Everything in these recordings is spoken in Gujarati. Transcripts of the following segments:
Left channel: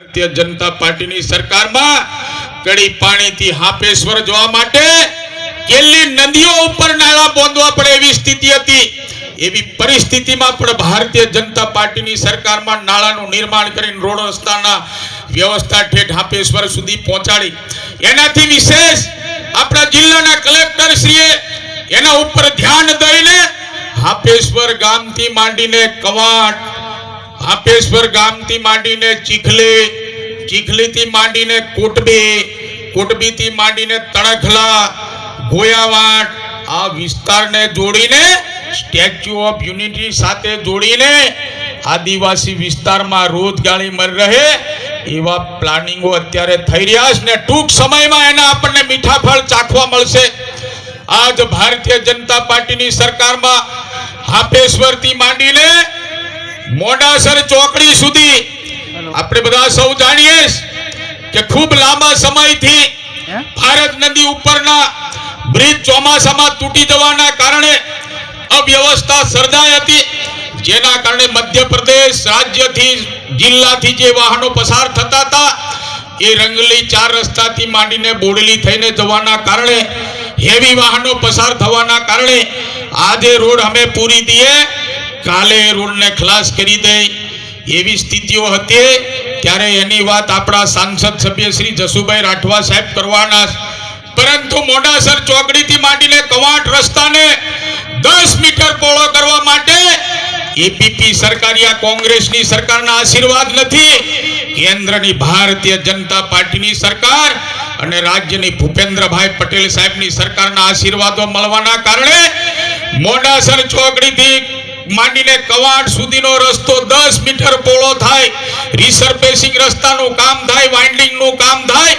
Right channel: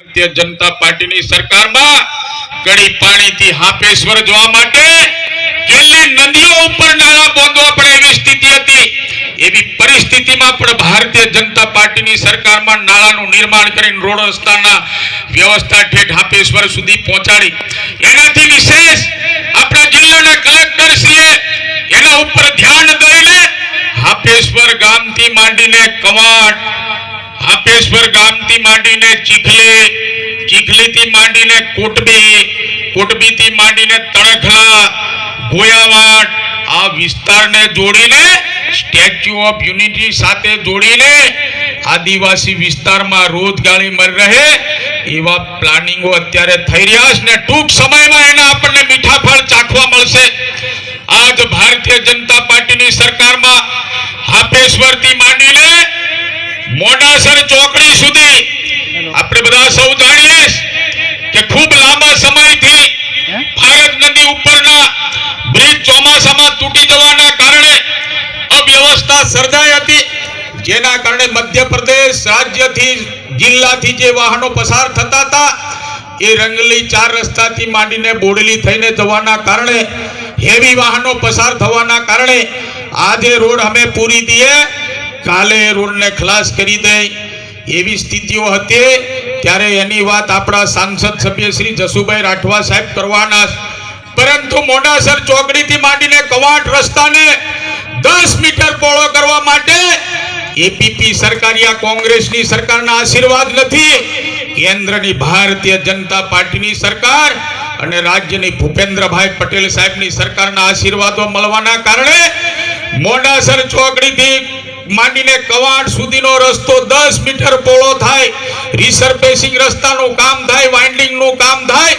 ભારતીય જનતા પાર્ટીની સરકારમાં કડી પાણીથી હાપેશ્વર જોવા માટે કેટલી નદીઓ ઉપર નાળા બોંધવા પડે એવી સ્થિતિ હતી. એવી પરિસ્થિતિમાં પણ ભારતીય જનતા પાર્ટીની સરકારમાં નાળાનું નિર્માણ કરીને રોડ રસ્તાના વ્યવસ્થા ઠેઠ હાપેશ્વર સુધી પહોંચાડી. એનાથી વિશેષ આપણા જિલ્લાના કલેક્ટર શ્રીએ એના ઉપર ધ્યાન દઈને હાપેશ્વર ગામથી માંડીને કવાટ હાપેશ્વર ગામથી માંડીને ચીખલી ચીખલીથી માંડીને કોટબી, કોટબીથી માંડીને તણખલા, ગોયાવાડ, આ વિસ્તારને જોડીને સ્ટેચ્યુ ઓફ યુનિટી સાથે જોડીને આદિવાસી વિસ્તારમાં રોજગારી મળી રહે એવા પ્લાનિંગો અત્યારે થઈ રહ્યા છે ને ટૂંક સમયમાં એના આપણને મીઠા ફળ ચાખવા મળશે. આજ ભારતીય જનતા પાર્ટીની સરકારમાં હાપેશ્વરથી માંડીને મોડાસર ચોકડી સુધી આપણે બધા સૌ જાણીએ કે ખૂબ લાંબા સમયથી ભારત નદી ઉપરના બ્રિજ ચોમાસામાં તૂટી જવાના કારણે અવ્યવસ્થા સર્જાઈ હતી જેના કારણે મધ્યપ્રદેશ રાજ્યથી જિલ્લાથી જે વાહનો પસાર થતા હતા એ રંગલી ચાર રસ્તાથી માંડીને બોડેલી થઈને જવાના કારણે હેવી વાહનો પસાર થવાના કારણે આજે રોડ અમે પૂરી દઈએ કાલે રોડને ખલાસ કરી દે એવી સ્થિતિઓ હતી ત્યારે એની વાત આપણા સાંસદ સભ્ય શ્રી જસુભાઈ રાઠવા સાહેબ કરવાના પરંતુ મોડાસર ચોકડીથી માંડીને કવાટ રસ્તાને દસ મીટર પહોળો કરવા માટે એપીપી સરકારી આ કોંગ્રેસની સરકારના આશીર્વાદ નથી. કેન્દ્રની ભારતીય જનતા પાર્ટીની સરકાર અને રાજ્યની ભૂપેન્દ્રભાઈ પટેલ સાહેબની સરકારના આશીર્વાદો મળવાના કારણે મોડાસર ચોકડીથી માંડીને કવાડ સુધીનો રસ્તો દસ મીટર પહોળો થાય રિસર્ફેસિંગ રસ્તાનું કામ થાય વાઇન્ડિંગનું કામ થાય,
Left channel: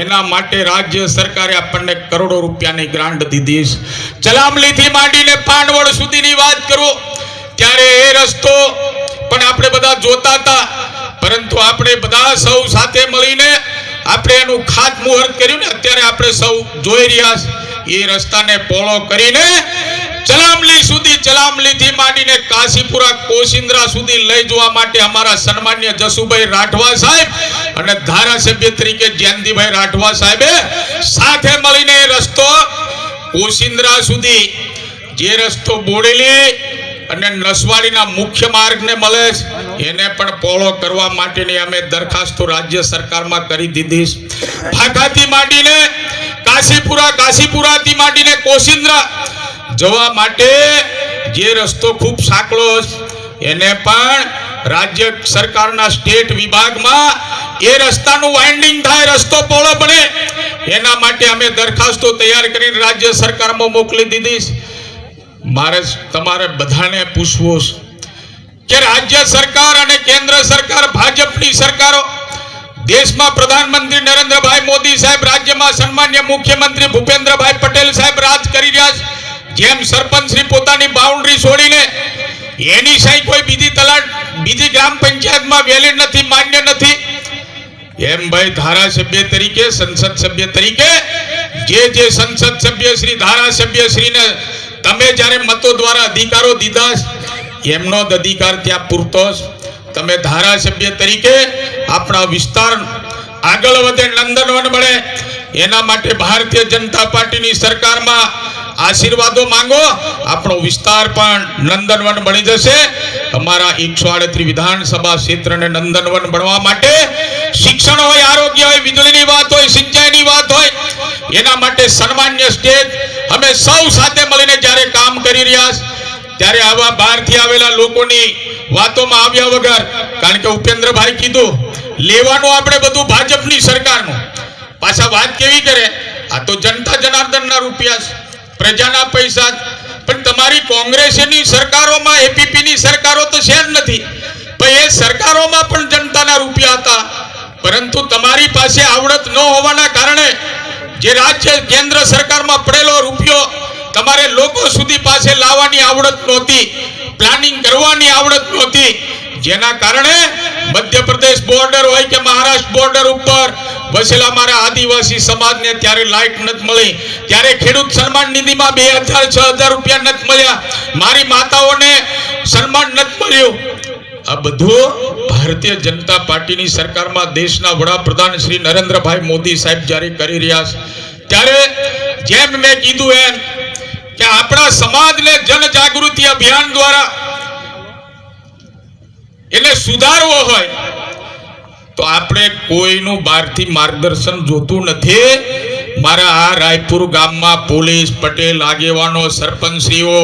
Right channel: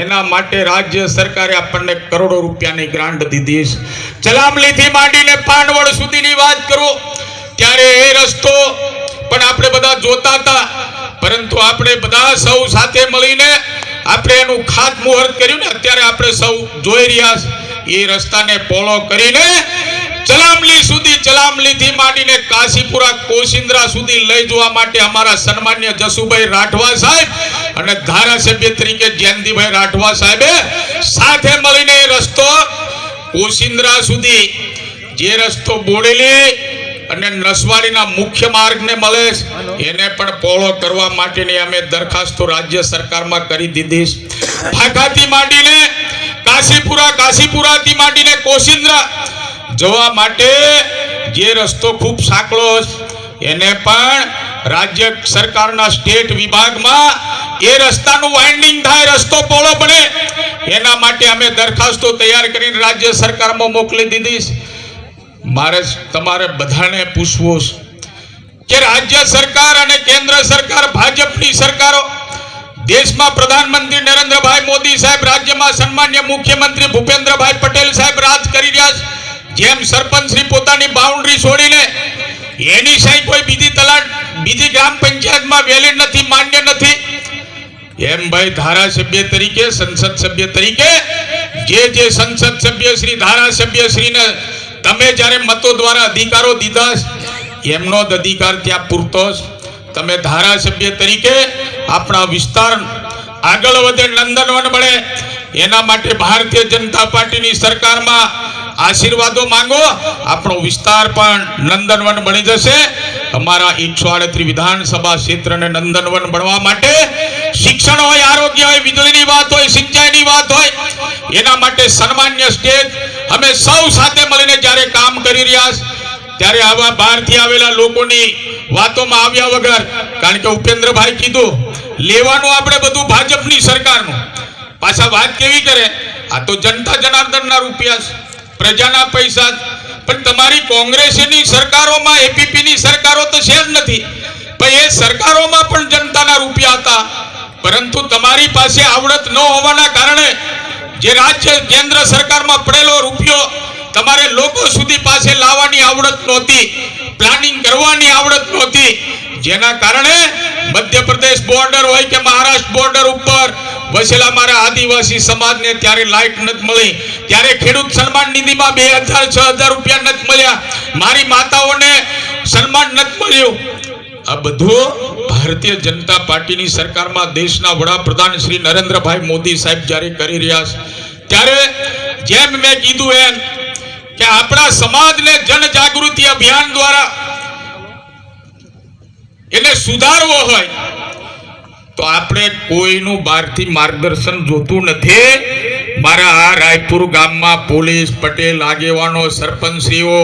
એના માટે રાજ્ય સરકારે આપણને કરોડો રૂપિયાની ગ્રાન્ટ દીધી છે. ચલામલીથી માંડીને પાંડવડ સુધીની વાત કરો, ત્યારે એ રસ્તો પણ આપણે બધા જોતા હતા, પરંતુ આપણે બધા સૌ સાથે મળીને આપણે એનું ખાતમુહૂર્ત કર્યું ને, અત્યારે આપણે સૌ જોઈ રહ્યા છે, એ રસ્તાને પોળો કરીને ચલામલી સુધી ચલામલીથી માંડીને કાશીપુરા, કોશિંદ્રા સુધી લઈ જવા માટે અમારા સન્માન્ય જસુભાઈ રાઠવા સાહેબ અને ધારાસભ્ય તરીકે જયંતિભાઈ રાઠવા સાહેબે સાથે મળીને રસ્તો કોશિંદ્રા સુધી જે રસ્તો બોડેલી અને નસવાડીના મુખ્ય માર્ગને મળે એને પણ પહોળો કરવા માટેની અમે દરખાસ્તો રાજ્ય સરકારમાં કરી દીધી ફાંકાથી માંડીને કાશીપુરા, કાશીપુરાથી માંડીને કોશિંદ્રા જવા માટે જે રસ્તો ખૂબ સાંકળો એને પણ રાજ્ય સરકારના સ્ટેટ વિભાગમાં એ રસ્તાનું વાઇન્ડિંગ થાય, રસ્તો પહોળો બને એના માટે અમે દરખાસ્તો તૈયાર કરીને રાજ્ય સરકારમાં મોકલી દીધી મારે તમારે બધાને પૂછવું કે રાજ્ય સરકાર અને કેન્દ્ર સરકાર, ભાજપની સરકારો, દેશમાં પ્રધાનમંત્રી નરેન્દ્રભાઈ મોદી સાહેબ રાજ્યમાં સન્માન્ય મુખ્યમંત્રી ભૂપેન્દ્રભાઈ પટેલ સાહેબ રાજ કરી રહ્યા છે. જેમ સરપંચ શ્રી પોતાની બાઉન્ડ્રી છોડીને એની સાઈ કોઈ બીજી તલાટ, બીજી ગ્રામ પંચાયતમાં વેલિડ નથી, માન્ય નથી, એમ ભાઈ ધારાસભ્ય તરીકે, સંસદ સભ્ય તરીકે, જે જે સંસદ સભ્ય શ્રી, ધારાસભ્ય શ્રીને તમે જ્યારે મતો દ્વારા અધિકારો દીધા, એમનો જ અધિકાર ત્યાં પૂરતો. તમે ધારાસભ્ય તરીકે આપણા વિસ્તાર આગળ વધે, નંદનવન મળે એના માટે ભારતીય જનતા પાર્ટીની સરકારમાં આશીર્વાદો માંગો. આપણો વિસ્તાર પણ નંદનવન બની જશે. અમારા એકસો આડત્રીસ વિધાનસભા ક્ષેત્રને નંદનવન બનવા માટે શિક્ષણ હોય, આરોગ્ય હોય, વીજળીની વાત હોય, સિંચાઈની વાત હોય, એના માટે સન્માન્ય સ્ટેજ અમે સૌ સાથે મળીને જ્યારે કામ કરી રહ્યા ત્યારે આવા બહારથી આવેલા લોકોની વાતોમાં આવ્યા વગર, કારણ કે ઉપેન્દ્રભાઈ કીધું, લેવાનું આપણે બધું ભાજપની સરકારનું. પાછા વાત કેવી કરે? આ તો જનતા જનાર્દનના રૂપિયા છે. પ્રજાના પૈસા પણ તમારી કોંગ્રેસની સરકારોમાં, એપીપીની સરકારો તો છે જ નથી. પણ એ સરકારોમાં પણ જનતાના રૂપિયા હતા. પરંતુ તમારી પાસે આવડત ન હોવાના કારણે જે રાજ્ય, કેન્દ્ર સરકારમાં પડેલો રૂપિયો તમારે લોકો સુધી પાસે લાવવાની આવડત નહોતી. પ્લાનિંગ કરવાની આવડત નહોતી. જેના કારણે મધ્યપ્રદેશ બોર્ડર હોય કે મહારાષ્ટ્ર બોર્ડર ઉપર, વસેલા મારા આદિવાસી સમાજને ત્યારે લાઇટ નથી મળી. ત્યારે ખેડૂત સન્માન નિધિમાં બે હજાર છ હજાર રૂપિયા નથી મળ્યા. મારી માતાઓને સન્માન નથી મળ્યું. આ બધું ભારતીય જનતા પાર્ટીની સરકારમાં દેશના વડાપ્રધાન શ્રી નરેન્દ્રભાઈ મોદી સાહેબ જ્યારે કરી રહ્યા છે, ત્યારે જેમ મેં કીધું એમ કે આપણા સમાજને જનજાગૃતિ અભિયાન સુધારવો હોય, તો આપણે કોઈનું બહારથી માર્ગદર્શન જોતું નથી. મારા આ રાયપુર ગામમાં પોલીસ, પટેલ, આગેવાનો, સરપંચશ્રીઓ,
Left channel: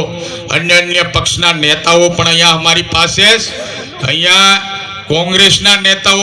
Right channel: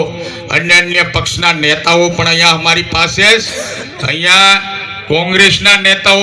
અન્ય અન્ય પક્ષના નેતાઓ પણ અહીંયા અમારી પાસે જ. અહીંયા કોંગ્રેસના નેતાઓ